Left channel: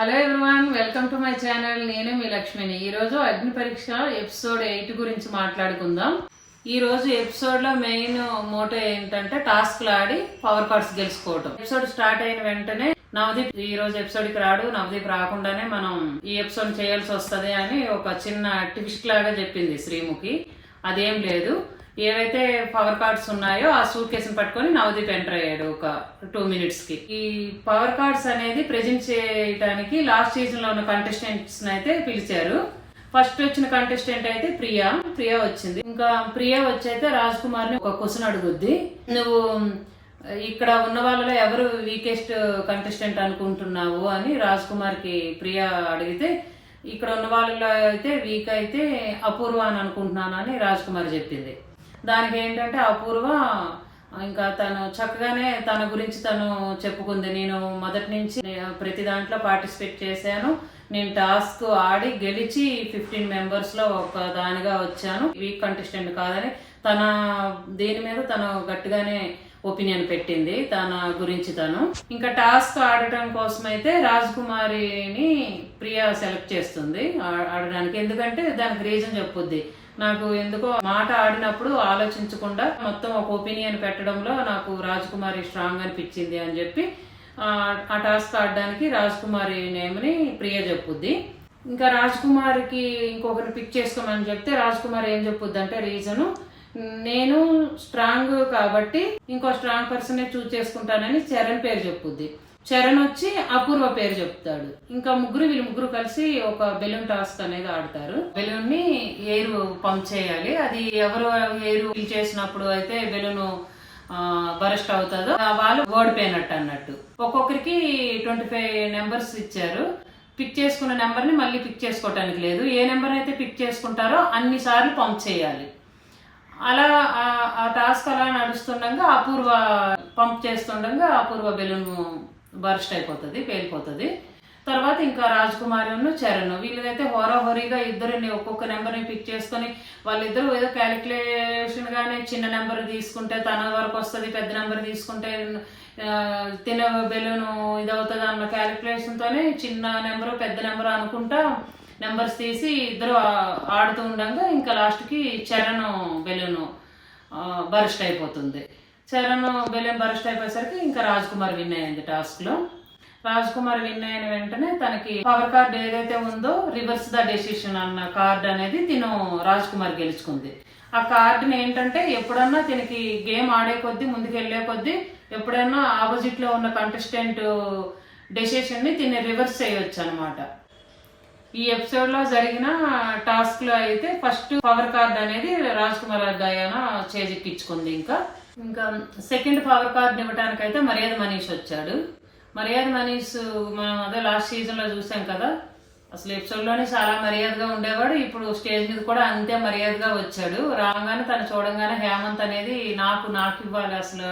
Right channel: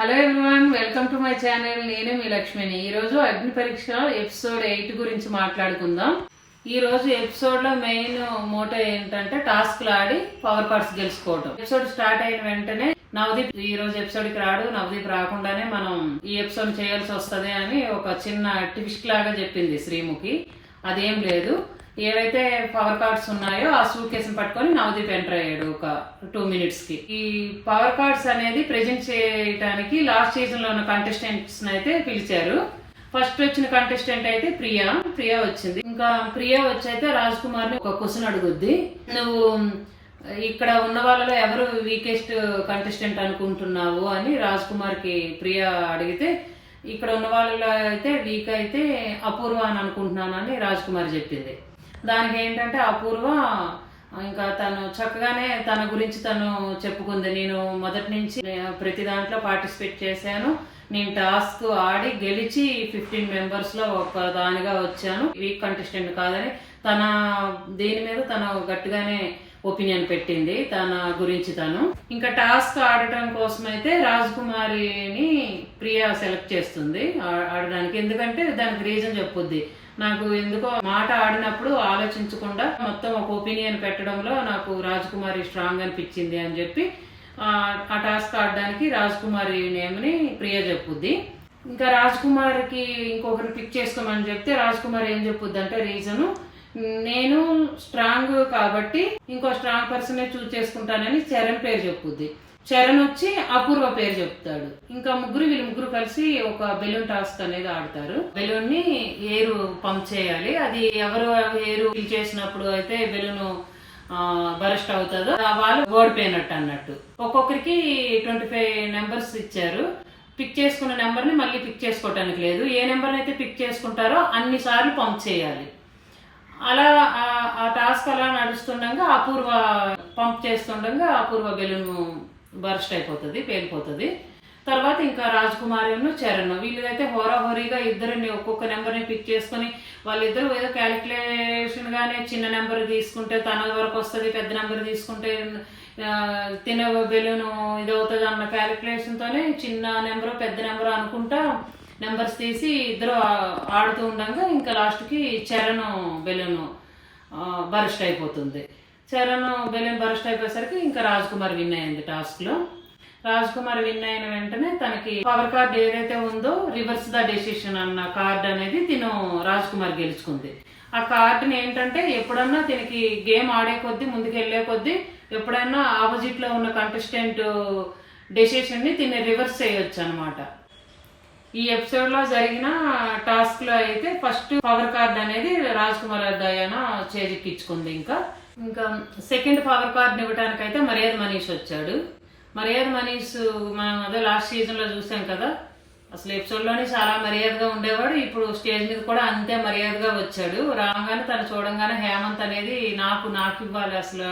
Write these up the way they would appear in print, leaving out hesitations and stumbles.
Hello everyone, welcome to my channel. నేను మీ లక్ష్మిని. ఈరోజు అగ్ని పరీక్ష ఎపిసోడ్ 8 గురించి మాట్లాడుకుందాం. ఈ రోజు ఎపిసోడ్ లో మెయిన్ మోటో ఏంటంటే టాస్క్లు ఆడి పవర్ కార్డ్స్ గెలుచుకోవటం. ఎపిసోడ్ స్టార్ట్ అయిన వెంటనే నవదీప్ ఈ రోజు ఎపిసోడ్ కి రాడు, నవదీప్ రాకుండానే మనం ఈ ఎపిసోడ్ చేయాల్సి వస్తుంది అని ఒక చిన్న ట్విస్ట్ లాగా చెప్పింది శ్రీముఖి. అదేం లేదు, ఏవైతే పవర్ కార్డ్స్ ఉన్నాయో ఆ సూట్ కేసుని పట్టుకొని నవదీప్ ఎంటర్ అయ్యాడు ఒక 2 minutes కి. ఈ పవర్ కార్డ్స్ అనేది ప్రెజెంట్ చేయడానికి లాస్ట్ సీజన్ లో ఉన్న కంటెస్టెంట్స్ అయితే పిలిచారు. ఫస్ట్ వచ్చిన కంటెస్టెంట్ అయితే ప్రియా వచ్చింది. ఇంకా ప్రియా వచ్చైతే రాజ్ కుమార్ ని ఒక క్వశ్చన్ అడుగుద్ది, నువ్వు ఇక్కడ ఉన్న వాళ్ళలో ఎవరు వీకెస్ట్ కంటెస్టెంట్ అనుకుంటున్నావు అని రాజ్ కుమార్ కి ప్రియా అడిగితే, ఇక్కడ ఉన్న వాళ్ళలో అయితే వీక్ అయితే అపూర్వ అని అనుకుంటున్నాను అని రాజ్ కుమార్ చెప్పింది. దానికి ఏంటంటే అపూర్వ ఇంకా తను చక్కగానే తన గురించి తను చెప్పుకుంది. నేను మొదటి నుంచి ప్రతి దాంట్లో పార్టిసిపేట్ చేశాను, నేను టాస్క్ ఆడి గెలిచి 15 members లో ఒక దానిగా వచ్చాను, వీక్ కంటెస్టెంట్ కాదని తన దీని మీద తను గట్టిగానే ఒపీనియన్ పెట్టింది తన గురించి. తను ఇంకా టాస్క్ ఆడటం కోసం అయితే రాజ్ కుమారిని ప్రియా సెలెక్ట్ చేస్తుంది ఆడడానికి. ఎందుకంటే దానికి రీజన్ చెప్పుద్ది, నాకు ఎందుకో మాట ఆడినప్పుడు ఆలోచించకుండా మొత్తం ఒక ఒపీనియన్ పెట్టడంలో నాకు రాజ్ కుమారి స్ట్రాంగ్ అనిపించింది అని చెప్పి ఆ టాస్క్ ఆడడానికి రాజ్ కుమారి నేమ్ని ప్రియ చెప్పుద్ది. ఇంకా రాజ్ కుమార్కి ఇంకొకరు పిక్ చేసుకోమని చెప్తే రాజ్ కుమార్ ఏం చెప్పుద్ది అంటే రీజను, నేను స్ట్రాంగ్ కాబట్టి ఇంకో స్ట్రాంగ్ పర్సన్ చూస్ చేసుకుంటానని చరణ్ పేరు చెప్పుద్ది. చరణ్ వచ్చి అపూర్వ పేరు చెప్తాడు. ఇంకా వీళ్ళు ముగ్గురు కలిసి ఒక బెలూన్ టాస్క్ అనేది ఆడతారు. బెలూన్ ని ఎయిర్ పంప్ చేయాలి. అది ఎవరు ఎయిర్ ఫిల్ చేసినప్పుడు అయితే బెలూన్ బరస్ట్ అవుతుందో వాళ్ళు ఓడిపోయినట్టు అన్నట్టు. ఒక్కొక్కరికి 25 numbers ఇచ్చారు. పిక్ చేసుకున్న నెంబర్ ని మళ్ళీ పిక్ చేసుకోవటానికి లేదు. ఏ నెంబర్ అయితే పిక్ చేసుకుంటారో అన్ని సార్లు పంప్ చేయాలి. అలా ఆ టాస్క్ అలా నడుస్తుండగా అపూర్వ పంప్ చేస్తుండగా అపూర్వ బెలూన్ బర్స్ట్ అయిపోతుంది, పేలిపోతుంది. తర్వాత ఇంకా రాజ్ కుమార్ చరణ్ వీళ్ళైతే హోరాహోరీగా ఇద్దరిని ఒక్కొక్క నెంబర్ని పిక్ చేసుకొని వాళ్ళిద్దరు ఏదో క్యాలిక్యులేషన్ గానే చిన్న నెంబర్ తీసుకుంటే తన వరకు వస్తుంది, పెద్ద నెంబర్ తీసుకుంటే తిన బెలూన్ ఇది అవుతుంది అన్న క్యాలిక్యులేషన్ తోనే చిన్న నెంబరు పెద్ద నెంబరు అనుకుంటా నెంబర్స్ తీసి ఇద్దరు ఆడుతూ ఉండగా ఇంకా లాస్ట్ కి చరణ్ బెలూన్ బర్స్ట్ అయిపోతుంది. చరణ్ బెలూన్ బర్స్ట్ అయిపోయేసరికి ఇంకా రాజ్ కుమార్ విన్ అయింది టాస్క్ లో. రాజ్ కుమార్ విన్ అయిన వెంటనే తనకి పవర్ కార్డ్ ఏదైతే ఉందో రివర్స్ ద డెసిషన్ అన్న కార్డ్ అనేది రాజ్ కుమార్ గెలుచుకుంది. ఆ కార్డుని ఏంటంటే ఎప్పుడన్నా తినకి గేమ్ ఆడే కొద్దీ ముందుకు వెళ్లే కొద్దీ ఎప్పుడైనా ఆపోజిట్ లో ఉన్న కంటెస్టెంట్ డెసిషన్ ని తిని రివర్స్ చేయొచ్చు అనమాట. ఈ ఎపిసోడ్ లో జరిగిన టాస్క్ లో అయితే ఫస్ట్ పవర్ కార్డ్ అనేది రాజ్ కుమార్ దయానా చేజిక్కించుకుంది. ఇంకా సెకండ్ పవర్ కార్డ్ ఇవ్వడానికి అయితే మర్యాద మనీష్ వచ్చాడు. మర్యాద మనీష్ మనం అదే లాస్ట్ సీజన్ లో చూసాం కదా, అసలు ఎపిసోడ్ లోనే చాలా మర్యాదగా ఉండేవాడు. ఇప్పుడు స్టేజ్ మీద కూడా అంతే మర్యాదగా వచ్చాడు. రాగానే తను చూడంగానే హేమంత్ అనేది నాకు ఇవ్వాలి, అసలు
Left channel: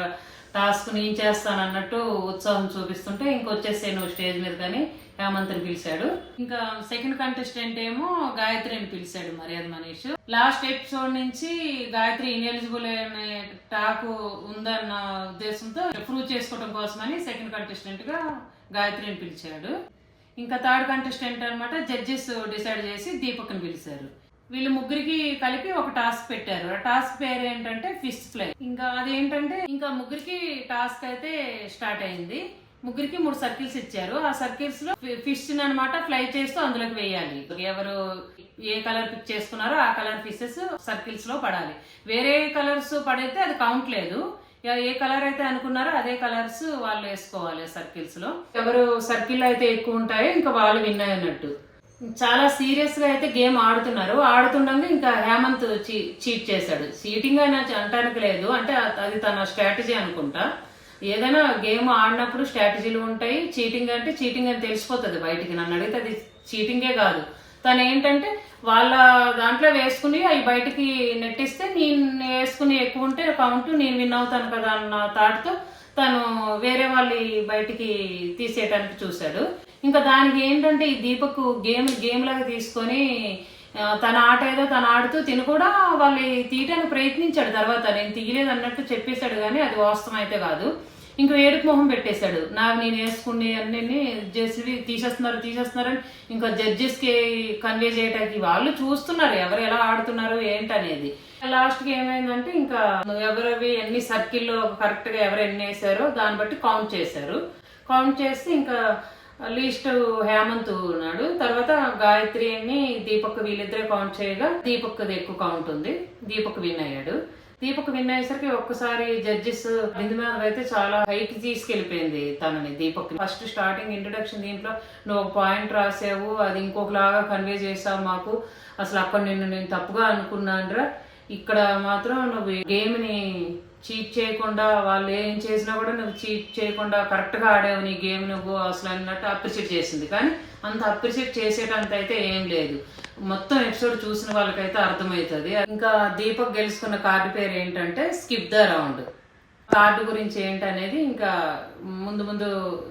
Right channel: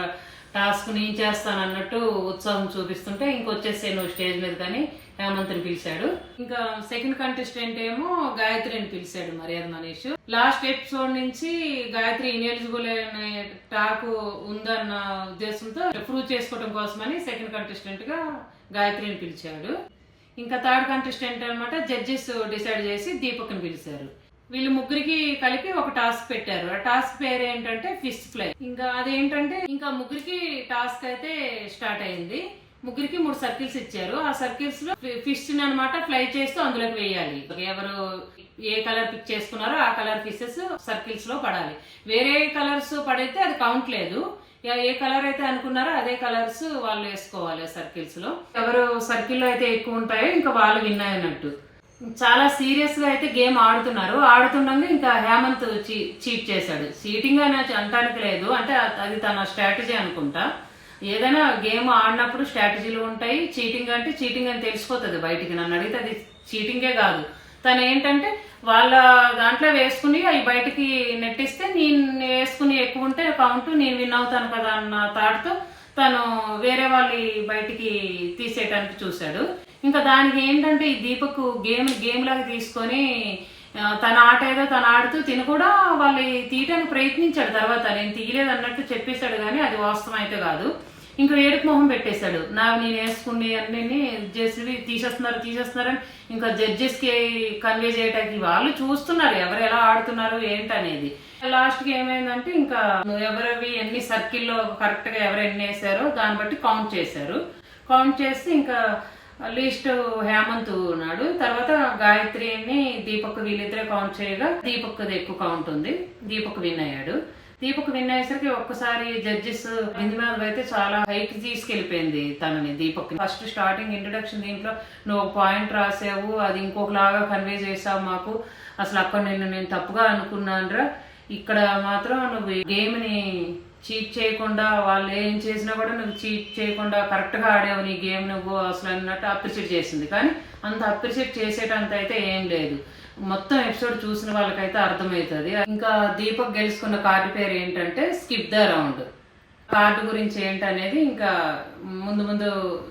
టాస్క్ నేను చేస్తాను అన్నట్టు ఉత్సాహం చూపిస్తుంటే ఇంకొచ్చేసే నువ్వు స్టేజ్ మీద కానీ హేమంత్ని పిలిచాడు. ఇంకా సెకండ్ కంటెస్టెంట్ ఏమో గాయత్రిని పిలిచాడు మర్యాద మనీష్. లాస్ట్ ఎపిసోడ్ నుంచి గాయత్రి ఇన్ఎలిజిబుల్ అనే టాక్ ఉందన్న ఉద్దేశంతో ప్రూవ్ చేసుకోవడం కోసమని సెకండ్ కంటెస్టెంట్ గా గాయత్రిని పిలిచాడు. ఇంకా థర్డ్ కంటెస్టెంట్ అనమాట జడ్జెస్ డిసైడ్ చేసి దీపక్ని పిలిచారు. వీళ్ళు ముగ్గురికి కలిపి ఒక టాస్క్ పెట్టారు. ఆ టాస్క్ పేరు ఏంటంటే ఫిష్ ఫ్లై. ఇంకా అదేంటంటే ఇంకా ముగ్గురికి టాస్క్ అయితే స్టార్ట్ అయింది. ముగ్గురికి 3 circles ఇచ్చారు. ఆ సర్కిల్స్ లో ఫిష్ అనమాట ఫ్లై చేస్తూ అందులోకి వేయాలి. ఎవరు ఏ కలర్ పిక్ చేసుకున్నారో ఆ కలర్ ఫిషెస్ సర్కిల్స్ లో పడాలి. వేరే కలర్స్ పడితే అది కౌంట్ లేదు. ఏ కలర్ అయితే అనుకున్నారో అదే కలర్స్ వాళ్ళు వేసుకోవాలి సర్కిల్స్ లో. ఎవరు సర్కిల్ అయితే ఎక్కువ ఉంటాయో ఇంకా వాళ్ళు విన్ అయినట్టు. చాలా సీరియస్ గా అయితే గేమ్ ఆడుతుండగా ఇంకా హేమంత్ చీట్ చేశాడు. చీటింగ్ అయినా అనటానికి లేదు, అంటే అది తన స్ట్రాటజీ అనుకుంటా. ఏదైనా గేమ్ ఆడినప్పుడు స్ట్రాటజీలు ఉంటాయి. చీటింగ్ అంటే చీటింగ్ అని తెలిసిపోతుంది బయటికి. నన్ను అడిగితే అది చీటింగే కాదు. తను ఏంటంటే వాళ్ళ దాంట్లో వేసుకుని అవి బయటికి నెట్టిస్తే నేను వేసుకుని ఎక్కువ ఉంటే కౌంట్ నేను విన్ అవుతాను కదా అన్న థాట్తో తను వేరే వాళ్ళు బయటికి తీసేయటానికి చూశాడు. ఇంకా దానికి ఏంటంటే ఈ దీపక్ గేమ్ లాగా తీసుకొని తన ఆట ఏదో తను ఆడుతూ తిను కూడా వాళ్ళు తీయటానికి ప్రయత్నించాడు. తర్వాత నేను తీయలేదు అన్నట్టు చెప్పేశాడు, కానీ అది వాస్తవం అయితే కాదు. ఇంకో ఏడుపు మొహం పెట్టేశాడు. నాకు నేను వేసుకుని అన్ని చేసి తీసేస్తున్నారని ఇంకా జడ్జెస్కి కన్వే చేయడానికి వాళ్ళు చూస్తున్నారు ఎవరు ఎలా ఆడుతున్నారు ఏంటనేది. లాస్ట్కి ఏమైందంటే ఇంకా ఎవరవి ఎన్ని సర్కిల్లో కరెక్ట్గా ఎవరు ఎన్ని వేసారో దాన్ని బట్టి కౌంట్ చేశారు. కౌంట్ చేస్తే ఇంకా లీస్ట్ హేమంత్ ఉన్నాడు, తర్వాత గాయత్రిని దీపక్ వీళ్ళిద్దరే కౌంట్ చేయగా దీపక్ది ఎక్కువ కౌంట్ ఉంది, దీపక్ విన్ అయ్యాడు. దీపక్ విన్ అయ్యేసరికి ఒక్కసారి జడ్జెస్ బిందు అయితే చాలా హైకి తీసుకెళ్లిపోయింది తనని, దీపక్. ఫస్ట్ స్టార్టింగ్ ఇంట్రడక్షన్ దీంట్లో నువ్వు ఒక పాయింట్ రాసావు, అది ఇంకొకలాగా కన్వే చేసావు మాకు, అసలు అక్కడ నేను తప్పుగా అనుకున్నానురా, ఇక్కడ మాత్రం నువ్వు గేమ్ ని చీట్ చేయకుండా వాళ్ళు ఏం చేసినా కూడా నువ్వు చీట్ చేయకుండా కరెక్ట్ గా ఆడేవు నీ గేమ్ నువ్వు అసలు అన్నట్టు అప్రిషియేట్ చేసింది. కానీ అంత అప్రిషియేట్ చేసేటంత అయితే ఏం లేదు, మొత్తం ఎపిసోడ్ చూసిన వాళ్ళకైతే అర్థమవుతుంది. ఇంకా దీపక్ గెలుచుకున్న కార్డు పేరు ఏంటంటే స్కిప్ ద రౌండ్. కార్డు గురించి ఏంటనేది ఇంకా ముందు ముందు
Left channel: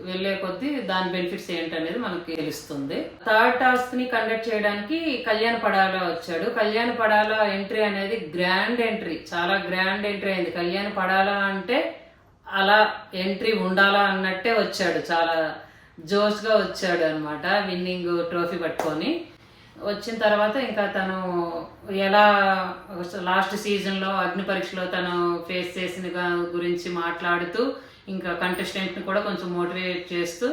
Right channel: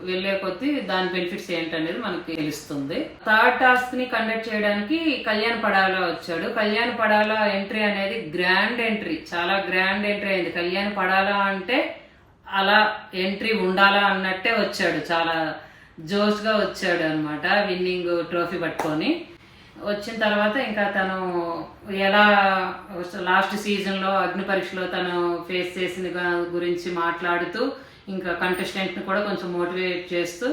వెళ్లే కొద్దీ దాని బెనిఫిట్స్ ఏంటనేది మనకి తెలుస్తుంది. థర్డ్ టాస్క్ ని కండక్ట్ చేయడానికి కళ్యాణ్ పడాలా వచ్చాడు. కళ్యాణ్ పడాలా ఎంట్రీ అనేది గ్రాండ్ ఎంట్రీ, చాలా గ్రాండ్ ఎంట్రీ అయింది. కళ్యాణ్ పడాలా అంటే అలా ఎంట్రీ ఉండాలా అన్నట్టే వచ్చాడు, చాలా జోష్ గా వచ్చాడు అనమాట విన్నింగ్ ట్రోఫీ పట్టుకొని. వచ్చిన తర్వాత ఇంకా తను ఎలా లాస్ట్ సీజన్ లో అగ్ని పరీక్షలో తను ఫేస్ చేసిన గురించి మాట్లాడుతూ ఇంకా కంటెస్టెంట్ ని కూడా కొంచెం మోటివేట్ చేస్తూ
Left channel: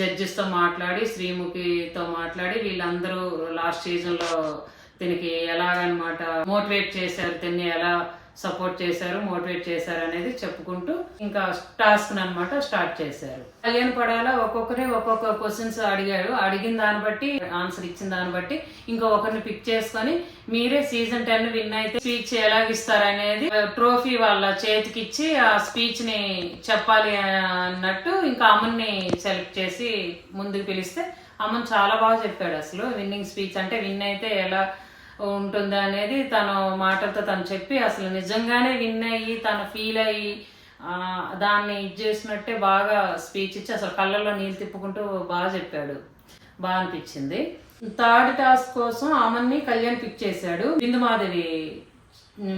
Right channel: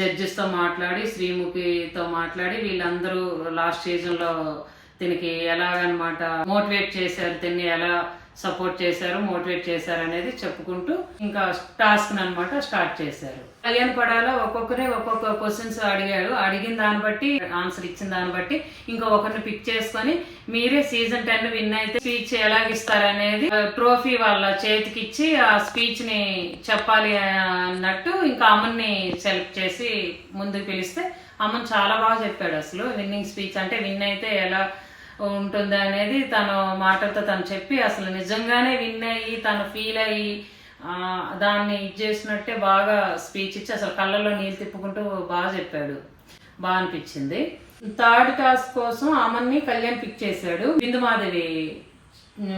జడ్జెస్ తో మాట్లాడి శ్రీముఖితో మాట్లాడి వీళ్ళందరూ లాస్ట్ సీజన్ లో దీనికి ఎలాగనమాట మోటివేట్ చేశారు, దీన్ని ఎలా సపోర్ట్ చేశారు, మోటివేట్ చేశారు అనేది చెప్పుకుంటూ ఇంకా టాస్క్ అనమాట స్టార్ట్ చేశారు. కళ్యాణ్ పడాలా ఒక్కొక్కరే ఒక్కొక్క క్వశ్చన్స్ అడిగాడు, అడిగిన దాన్ని బట్టి ఆన్సర్ ఇచ్చిన దాన్ని బట్టి ఇంకా ఒకరిని పిక్ చేసుకొని మీరే సీజన్ 10 విన్ అయితే స్పీచ్ ఎలాగిస్తారనేది ట్రోఫీ వాళ్ళ చేతికి ఇచ్చి ఆ స్పీచ్ ని చెప్పాలి అన్నట్టు ఇంకా అమ్మని సెలెక్ట్ చేసి ముందుకు పిలిస్తే అమ్మని చాలా బాగా చెప్పాడు. అసలు విన్నింగ్ స్పీచ్ అంటే విన్ అయితే ఎలా ఉంటుంది అనేది తను మాటలతో తను చెప్పి అసలు నిజంగానే విన్ అయ్యి తను ఫీల్ అయ్యి దాన్ని చేసినట్టే బాగా స్పీచ్ ఇచ్చి అసలు కళ్ళల్లో నీళ్ళు తిప్పుకుంటూ బాగా చెప్పాడు, బాగా అనిపించింది. థర్డ్ టాస్క్ కోసం అమన్ని కళ్యాణ్ పిక్ చేశాడు. బిందుమాధవి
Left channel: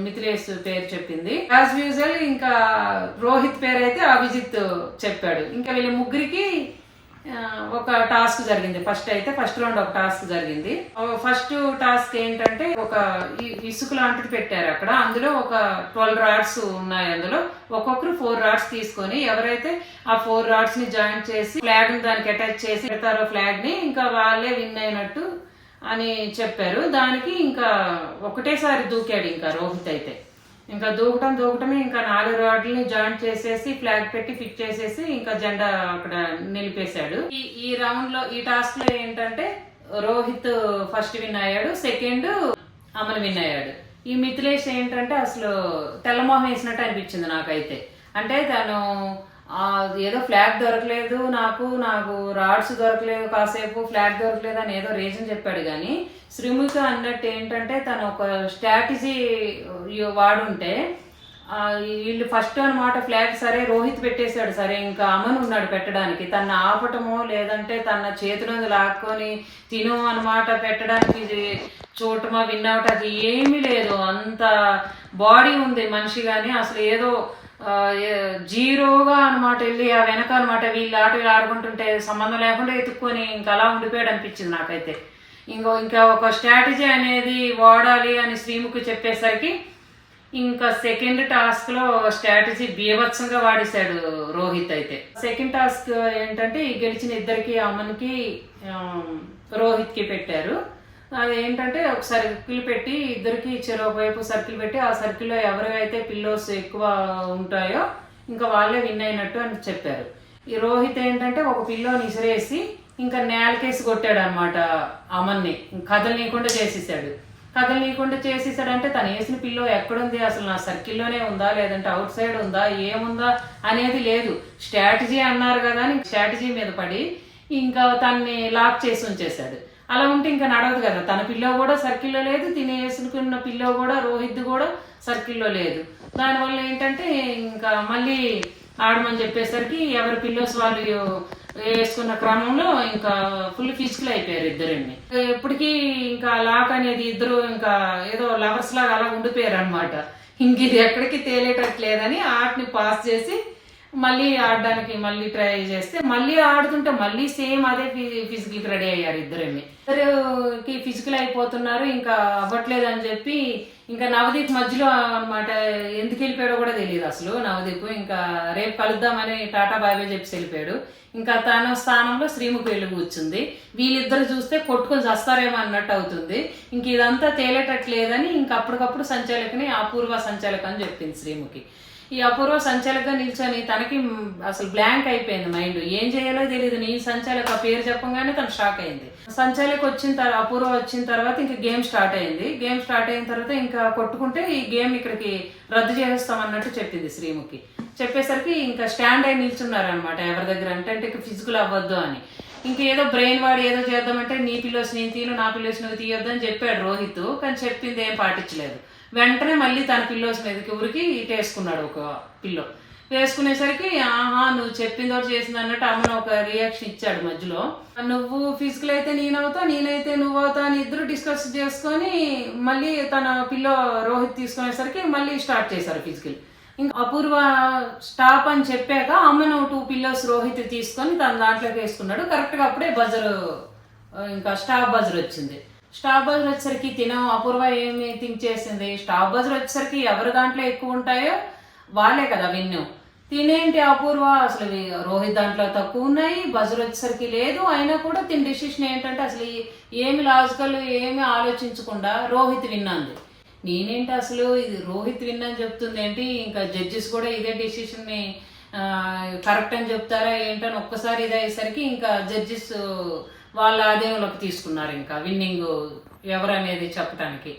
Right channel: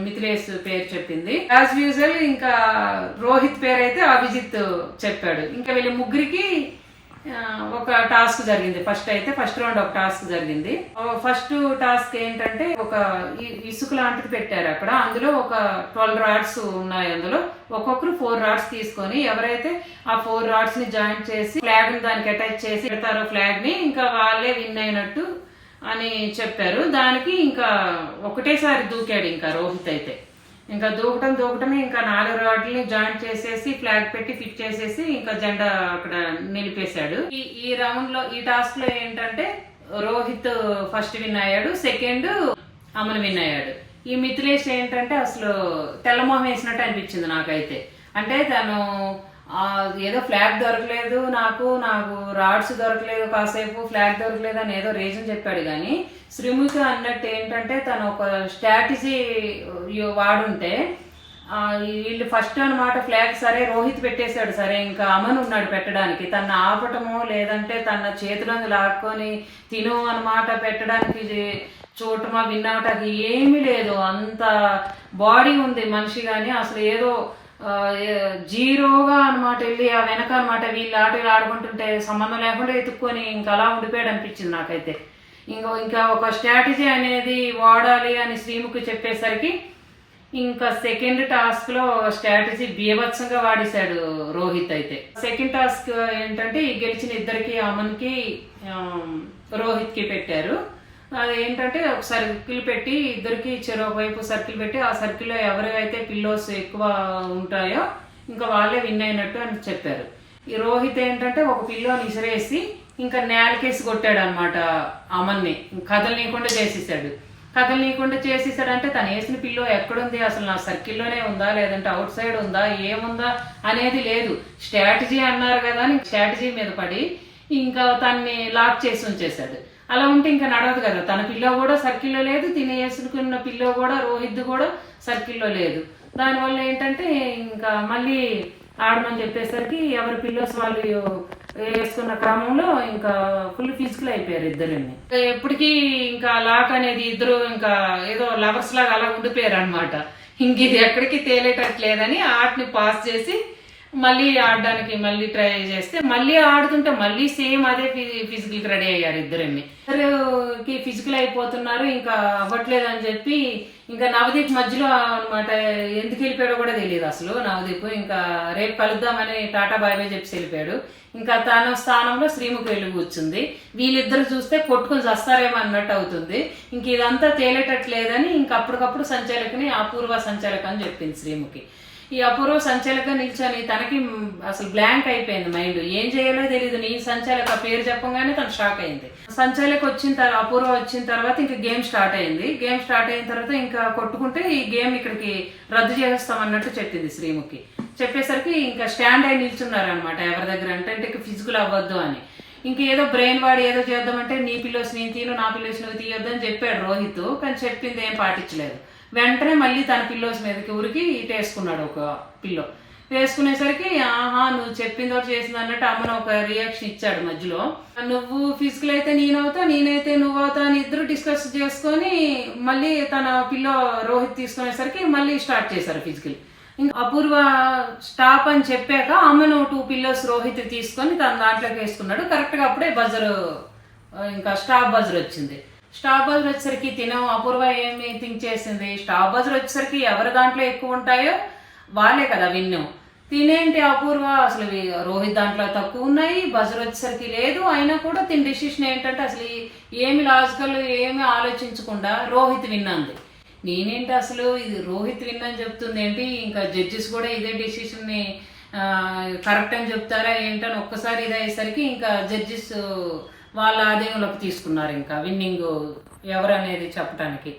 మిథిలేష్ పేరు చెప్పింది. యాజ్ యూజువల్ ఇంకా రోహిత్ పేరు అయితే అభిజిత్ చెప్పాడు. ఇంకా వీళ్ళ ముగ్గురికి ఒక టాస్క్ జరిగింది. ఫస్ట్ రౌండ్ ఒక టాస్క్ జరిగింది. ఫస్ట్ టాస్క్ ఏంటంటే ఒక ఇసుక లాంటిది పెట్టారు అక్కడ, అందులో ఒక 12 రాడ్స్ ఉన్నాయి. అందులో ఒక్కొక్కరు 4 రాడ్స్ తీసుకొని ఎవరైతే ఆ 4 రాడ్స్ ని జాయిన్ చేసి ఫ్లాగ్ ని దానికి అటాచ్ చేసి పెడతారో ఫ్లాగ్ ని ఇంకా వాళ్ళే విన్ అయినట్టు అని చెప్పారు. దానికి ఇంకా ఒకటేసారి దూకాడు ఇంకా రోహిత్ అయితే. ఇంకా దూకటమే ఇంకా 4 రాడ్లని జాయింట్ చేసేసి ఫ్లాగ్ పెట్టి ఫిట్ చేసేసి ఇంకా జెండా అక్కడ నిలిపేశాడు. ఈ రౌండ్ లో ఈ టాస్క్ లో ఏంటంటే రోహిత్ ఫస్ట్ విన్ అయ్యాడు, సెకండ్ అమన్ విన్ అయ్యాడు. ఈ మిథిలేష్ ఏంటంటే అసలు తెల్లమోహం వేసినట్టు అనిపించింది నాకైతే. అంటే తను ఏదో ఫ్లాగ్ దొరకలేదు నాకు రాడ్స్ దొరకలేదు, కాసేపు ఫ్లాగ్ దొరకలేదు అని ఏదో రీజన్ చెప్పాడు. కానీ శ్రీముఖి అన్నట్టు ఏంటంటే తను ఒక స్ట్రాటజీ వాడుంటే వీళ్ళు ఫస్ట్ అనమాట ఫ్లాగ్ సరే రోహిత్ పెట్టేశాడు, సరే ఇంకా అమన్ ఉన్నాడు పెట్టడానికి, తను ఆపటము లేదంటే తన చేతిలో లాక్కొని తిను అనమాట పెట్టడానికి చూడటమా విన్ అవటానికి ఏమీ లేదు. అంత బాడీ ఉంది మనిషి, కానీ అసలు ఏదో జీరోగా అనమాట వెళ్ళి ఆ వెనక అనమాట వీళ్ళు ఆటలు ఆడుకుంటుంటే సంబంధం లేకుండా ఎత్తుక్కొని ఇంకా అలా ఉండిపోయాడు అనిపించింది నాకైతే. ఇంకా ఒక స్ట్రాటజీ అనేది వాడాలి అని శ్రీముఖి చెప్పేసరికి ఇంకా సెకండ్ టాస్క్ లో స్ట్రాటజీ బీభత్సంగా వాడేశాడు రోహిత్ అయితే. సెకండ్ టాస్క్ ఏంటంటే ఈ గెలిచిన ఇద్దరికి అమన్కి రోహిత్ కి పెట్టారు. అది ఏంటంటే ఒక సర్కిల్ పెట్టి ఇద్దరికి చెరొక వైపు సర్కిల్ పెట్టి ఆ సర్కిల్లో ఎవరికైతే పిల్లోస్ ఎక్కువ ఉంటాయో ఇంకా వాళ్ళే విన్ అయినట్టు అని చెప్పారు. ఈ రోహిత్ ఏంటంటే ఒక పిల్లోని ఇసిరేసి ఇంకా నేలకేసి కొట్టాడు అనమాట అమన్ని, కదలనీయకుండా చేసేసాడు. అంటే తను వేసిన పిల్లో ఎక్కడుంది, అసలు నా సర్కిల్లోనే ఉందా లేదంటే అవుట్ సైడ్ ఉందా ఏముందా అనేది లేదు. స్ట్రాటజీ అన్నారు కదా అని స్ట్రాటజీ మీద పడి ఇంకా తన్ని లాక్ చేసి ఉంచేశాడు. అలా ఉంటే ఇంకా నడవదు కదా. తన పిల్లో కూడా సర్కిల్లో లేదు, తిని వేసుకున్న పిల్లో కూడా రోహిత్ కూడా సర్కిల్లో లేదు. దానివల్ల ఏంటంటే ఇంకా మళ్ళీ ఆడమని చెప్పేసరికి ఎవరి పిల్లోస్ వాళ్ళు వేసుకున్న క్రమంలో ఇంకా ఫుల్ ఫిజికల్ అయిపోయారు ఇద్దరిని. ఎప్పటికీ ఇంకా లాక్ అనేది ఇద్దరు ఇంకా ఏదో లవర్స్ లాగా అలా ఉండిపోయారు అనమాట. ఇంక ఇది ఎక్కడికి తేలేటట్లేదని ఆటని పాస్ చేసి మళ్ళీ ఆడడానికి మళ్ళీ ట్రై చేస్తే మళ్ళీ ఆడుతుంటే మళ్ళీ సేమ్ అదే ఫిజికల్ కి రెడీ అయ్యారు ఇద్దరిని. ఇద్దరికి ఫిజికల్ అయిపోతున్నారు, ఇంకా అవ్వట్లేదు అని చెప్పి ఇంకా నవదీప్ మధ్యలో అనమాట ఎందుకు వెళ్ళిపోయాడో కూడా తెలియదు అసలు. నవదీప్ ఇంకా రేపు కలుద్దామని టాటా బాయ్ బాయ్ చెప్పి వెళ్ళిపోయాడు. ఇంకా తన స్థానంలో శ్రీముఖి వెళ్ళి కూర్చుంది. వీళ్ళిద్దరు చూస్తే కొట్టుకొని చస్తారేమో అన్నట్టు అవుతుంది. ఇంక ఇదంతా తేలేటట్లేదని ఇంకా అప్పటికప్పుడు సంచాలకుని అపూర్వ సంచాలక అని చెప్పింది శ్రీముఖి. ఈ అపూర్వ సంచాలకగా నిల్చొని తనకి అసలు బ్లాంక్ అయిపోయింది మైండ్, ఏం చేయాలో తెలియదు. నీ సంచాలక పేరు చెప్పగానే తను షాక్ అయింది. సంచాలక వచ్చిన తర్వాత అపూర్వ వచ్చిన తర్వాత ఇంకా గేమ్ స్టార్ట్ అయింది. గేమ్ స్టార్ట్ అయిన తర్వాత ఇంకా కొట్టుకుంటే ఈ గేమ్ ఇక్కడికి రద్దు చేస్తాం అన్నట్టు చెప్పింది శ్రీముఖి. చెప్పేసరికి ఇంకా స్టాండ్ అయి నిల్చున్నారు అనమాట ఎవరి దగ్గర అంటే ఫిజికల్ అవ్వద్దు అని. ఇంకేదో బ్రెయిన్ వాడి ఏదో చేద్దామంటే నీ పిల్లోస్ నేను తీను, నా పిల్లోస్ నువ్వు తీయొద్దు అని చెప్పాడు రోహిత్. కానీ చెప్పింది ఏం పాటించలేదు. వెంటనే మళ్ళీ తన పిల్లోస్ మీదకి ఊరికి ఇటేసుకున్నాడు ఒక పిల్లో. వేసుకునేసరికి ఆహా నువ్వు చెప్పింది ఒకటి చేసింది అన్నట్టు అమ్మను ఒక రియాక్షన్ ఇచ్చాడు మధ్యలో. నువ్వు ఫిజికల్ అయితే నేనవుతా, నేనైతే నువ్వు అవుతా అని ఇద్దరు డిస్కస్ చేసుకొని మళ్ళీ తన పిల్లో రోహిత్ తీసుకునేసరికి మళ్ళీ స్టార్ట్ చేశారు ఫిజికల్. ఇంకా అపూర్వ స్టాప్ అని చెప్పాక అమ్మను 2 పిల్లోస్ రోహిత్ తీసుకొని తన దాంట్లోకి వేసుకున్నాడు. కరెక్ట్ గా అప్పుడే బజర్ ఇంకా స్టాప్ బజర్ వచ్చింది. స్టాప్ బజర్ వచ్చేసరికి అపూర్వ ఏమి థింక్ చేసింది, స్టాప్ బజర్ వచ్చేసరికి ఎవరి దాంట్లో ఎక్కువ ఉంటాయో వాళ్ళే కదా విన్ను. తినేంటి అపూర్వ అసలు రోహిత్ దాంట్లో తక్కువ ఉన్నాయి, బజర్ వచ్చేసరికి లేదు. అయినా కూడా తిని డిసిషన్ ఏంటంటే అసలు ఏమి లాజికల్ ఏమి ఆలోచించకుండా రోహిత్ విన్నంది. నేనేంటి అసలు ఇది రోహిత్ విన్ అని చెప్తుంది ఏంటి, ఇంకా జడ్జెస్ కూడా ఇదే డిసిషన్ ని కరెక్ట్ అని చెప్తారా ఏంటని ఒక్కసారి ఇది అయ్యేసరికి ఇంకా జడ్జెస్ వాళ్ళ ఆదేయంలోకి తీసుకున్నారు ఇంకా విన్నింగ్ ఎవరనేది చెప్పడానికి.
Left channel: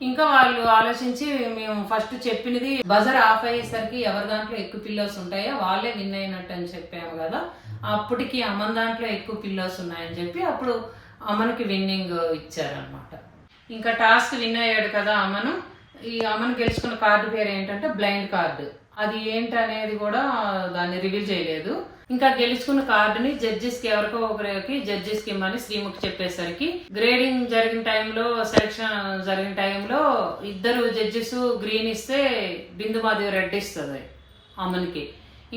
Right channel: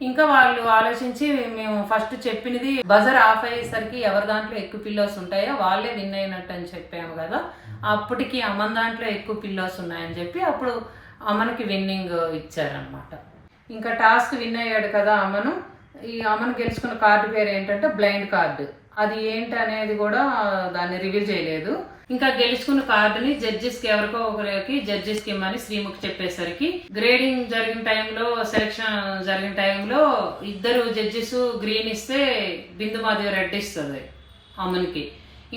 ఇంకా వాళ్ళు ఆలోచించి మేము ఫస్ట్ చెప్పినది బజర్ ఆఫ్ అయ్యేసరికి ఎవరి దాంట్లో ఎక్కువ పిల్లోస్ ఉంటాయో వాళ్ళే విన్ అయినట్టు అని చెప్పాము కదా, అప్పటికి అమన్ దాంట్లో ఎక్కువ పిల్లోస్ ఉన్నాయని చెప్పి అప్పుడు అమన్కి విన్నింగ్ ఇచ్చారనమాట. ఇంకా టాస్క్ విన్ అయ్యాడు కదా అమను. ఈ అమను గెలుచుకున్న కార్డు పేరు ఏంటంటే బ్లైండ్ కార్డు. అది ఏంటి అనేది కూడా దాన్ని రివీల్ చేయలేదు. ఇంకా గెలుచుకున్న కార్డుని జడ్జెస్ కి ఎవరికో ఒకరికి జడ్జెస్ కి ఇమ్మని శ్రీముఖి చెప్పేసరికి గ్రేడింగ్ జరిగిన టైంలో సెలక్షన్ జరిగిన టైంలో ఇద్దరు జడ్జెస్ గ్రీన్ ఇస్తే బిందు మాధవి రెడ్ ఇస్తుంది అమన్కి.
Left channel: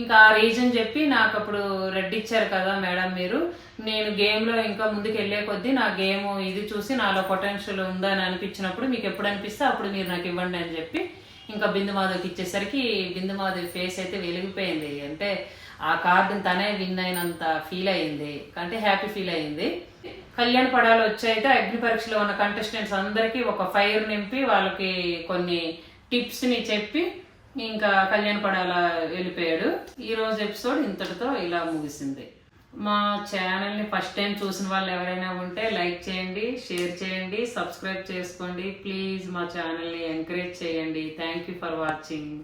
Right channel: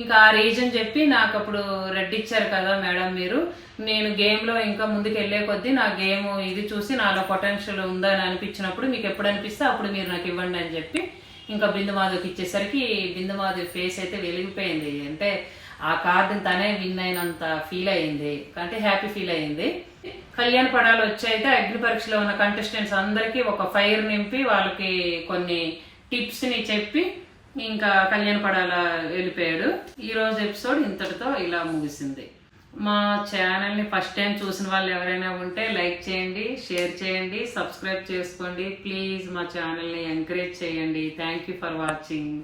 ఇంకా ఆ రీజన్ చెప్పి నాకు అప్పుడు రెడ్ ఇచ్చారు కదా మేడం మీరు, నేను గేమ్లో ఇంకా ముందుకు వెళ్ళే కొద్దీ నా గేమ్ ఇది చూసి నాలో పొటెన్షియల్ ఉందని అనిపించినప్పుడు మీకు ఎప్పుడు అనిపిస్తే అప్పుడు మీరు నాకు ఇవ్వండి అని చెప్పి ఇంకా బిందు మాధవికి ఇచ్చేసరికి బిందు మాధవి ఫేస్ అయితే వెలిగిపోయింది. అంటే ఆ కార్డుని తనే విన్ అయినంత ఫీల్ అయింది, అంటే హ్యాపీ ఫీల్ అయింది. కళ్యాణ్ పడాలు వచ్చైతే అగ్ని పరీక్షలో ఉన్న కంటెస్టెంట్స్ అందరికీ ఒక ఫైర్ నింపి వాళ్ళకి కొన్ని టిప్స్ని చెప్పి ఇంకా కళ్యాణ్ పడాల వెళ్ళిపోయాడు. ఈరోజు ఎపిసోడ్ ఇంతటితో ఇలా ముగిసింది. మా ఛానల్ని ఫస్ట్ టైం చూసిన వాళ్ళు ఎవరైనా ఉంటే లైక్ చేయండి, షేర్ చేయండి, సబ్స్క్రైబ్ చేసుకోండి. ప్లీజ్ మా ఛానల్ని ఎంకరేజ్ చేయండి. Thank you for watching.